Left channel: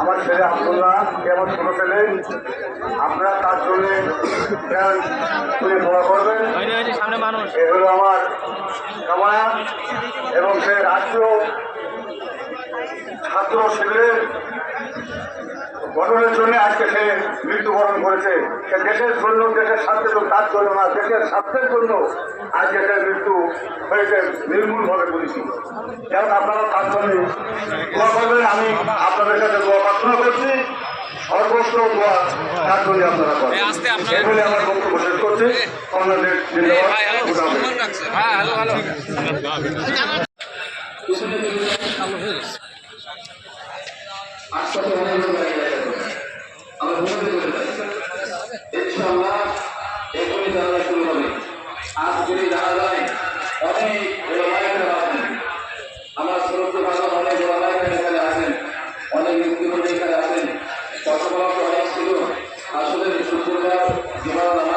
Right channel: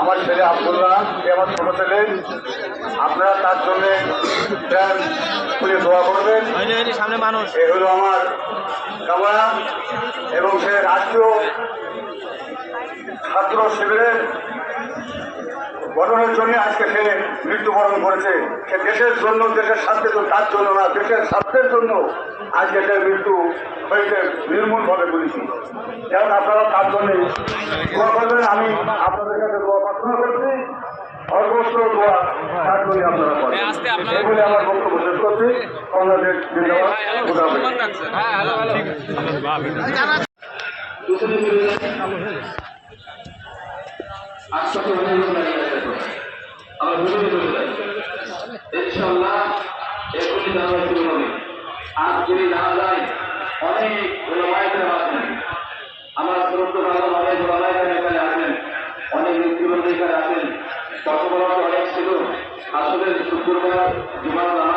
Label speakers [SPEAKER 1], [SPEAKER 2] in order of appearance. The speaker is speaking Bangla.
[SPEAKER 1] আমার ছেলে আবদুল্লাহ, সে আমার ছোট ছেলে। আপনারা তার জন্য প্রাণ খুলে দোয়া করবেন। এ হলো আমার কামনা এবং সে রাষ্ট্রীয় ছাত্র শিবিরের গঠনের জন্য আজকে সে মৃত্যুবরণ করেছে। সে দেশের জন্য দেশের স্বার্থের জন্য তার জন্য না দেশের স্বার্থের জন্য আজকে সে মৃত্যু হয়েছে নির্মূলভাবে বলেছি। যেমন আপনারা তার জন্য দোয়া করবেন আমি আপনাদের কাছে দোয়া প্রার্থনা করছি। সর্বস্ব দোয়া তার জন্য আপনারা করেন।
[SPEAKER 2] এই
[SPEAKER 1] বলে আমার বক্তব্য শেষ করছি। আপনাদের ধন্যবাদ।
[SPEAKER 3] গতবার অনেক ছিল। আসলে শুক্রবার জুমার